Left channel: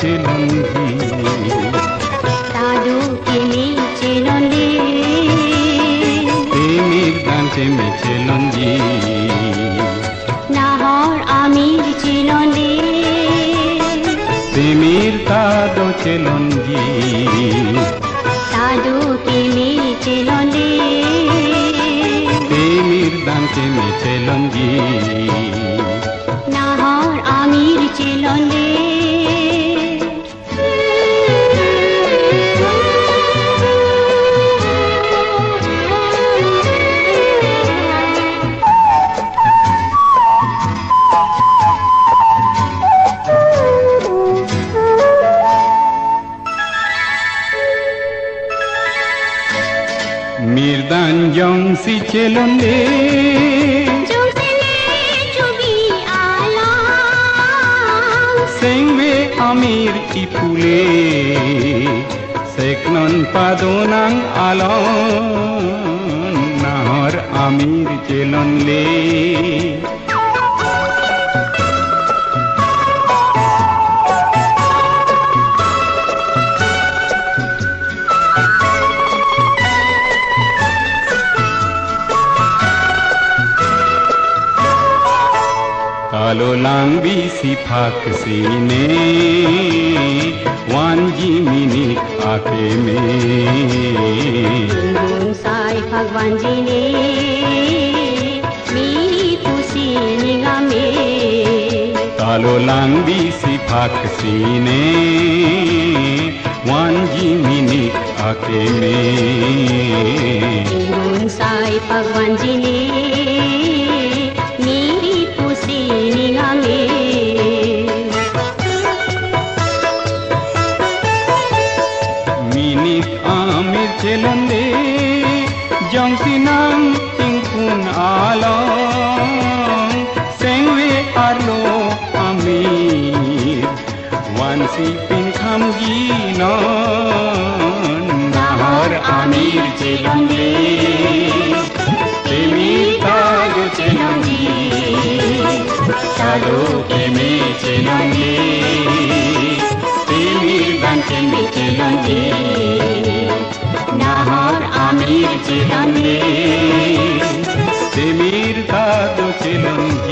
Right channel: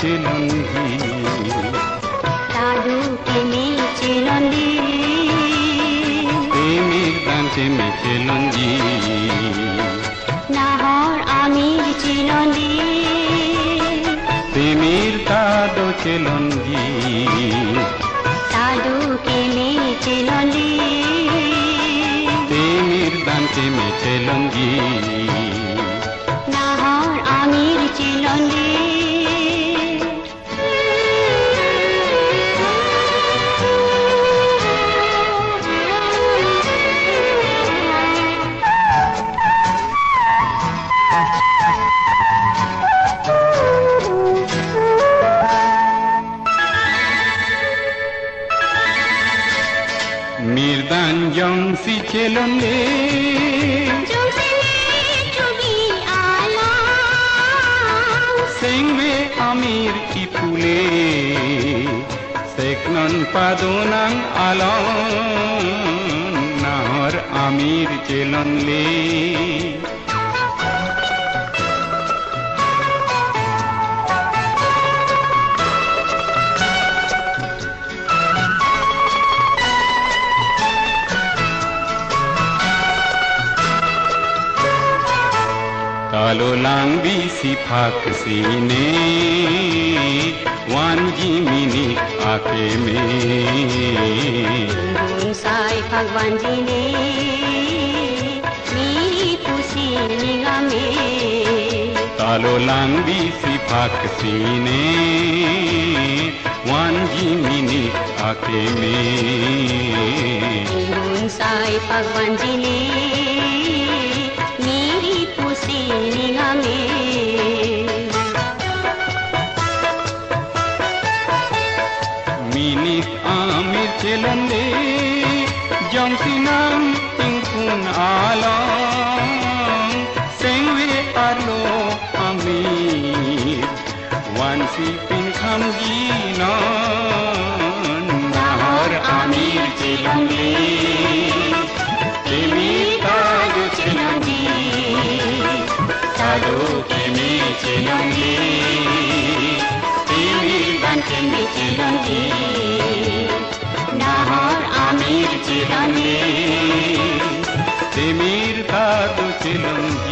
চিলন্দি সাধু প্রেমে চিলন্দি প্রেমের গান প্রেমে চিলন্দি নাহর আমির চিলন্দি প্রেমের কাদো চিলন্দি সাধু প্রেমে চিলন্দি প্রেমের গান প্রেমে চিলন্দি নাহর আমির চিলন্দি mirdan jong si chelonde jogi alam sengbe amir ki pule seknon padonang alon nahor amir chelonle Kalau langbi sifat sine wanji minit ake me sai bhagwan ji ne meri khushi nigame Kalau langbi sifat sine wanji minit ake me sai bhagwan ji ne minit amir chelande jong sinang tingkun along sengwe arlo amir wan si pinkham ginon nahar amir chelande premi tag chelandi kado premi chelandi Premi chelandi nahar amir chelandi Semir kado chelandi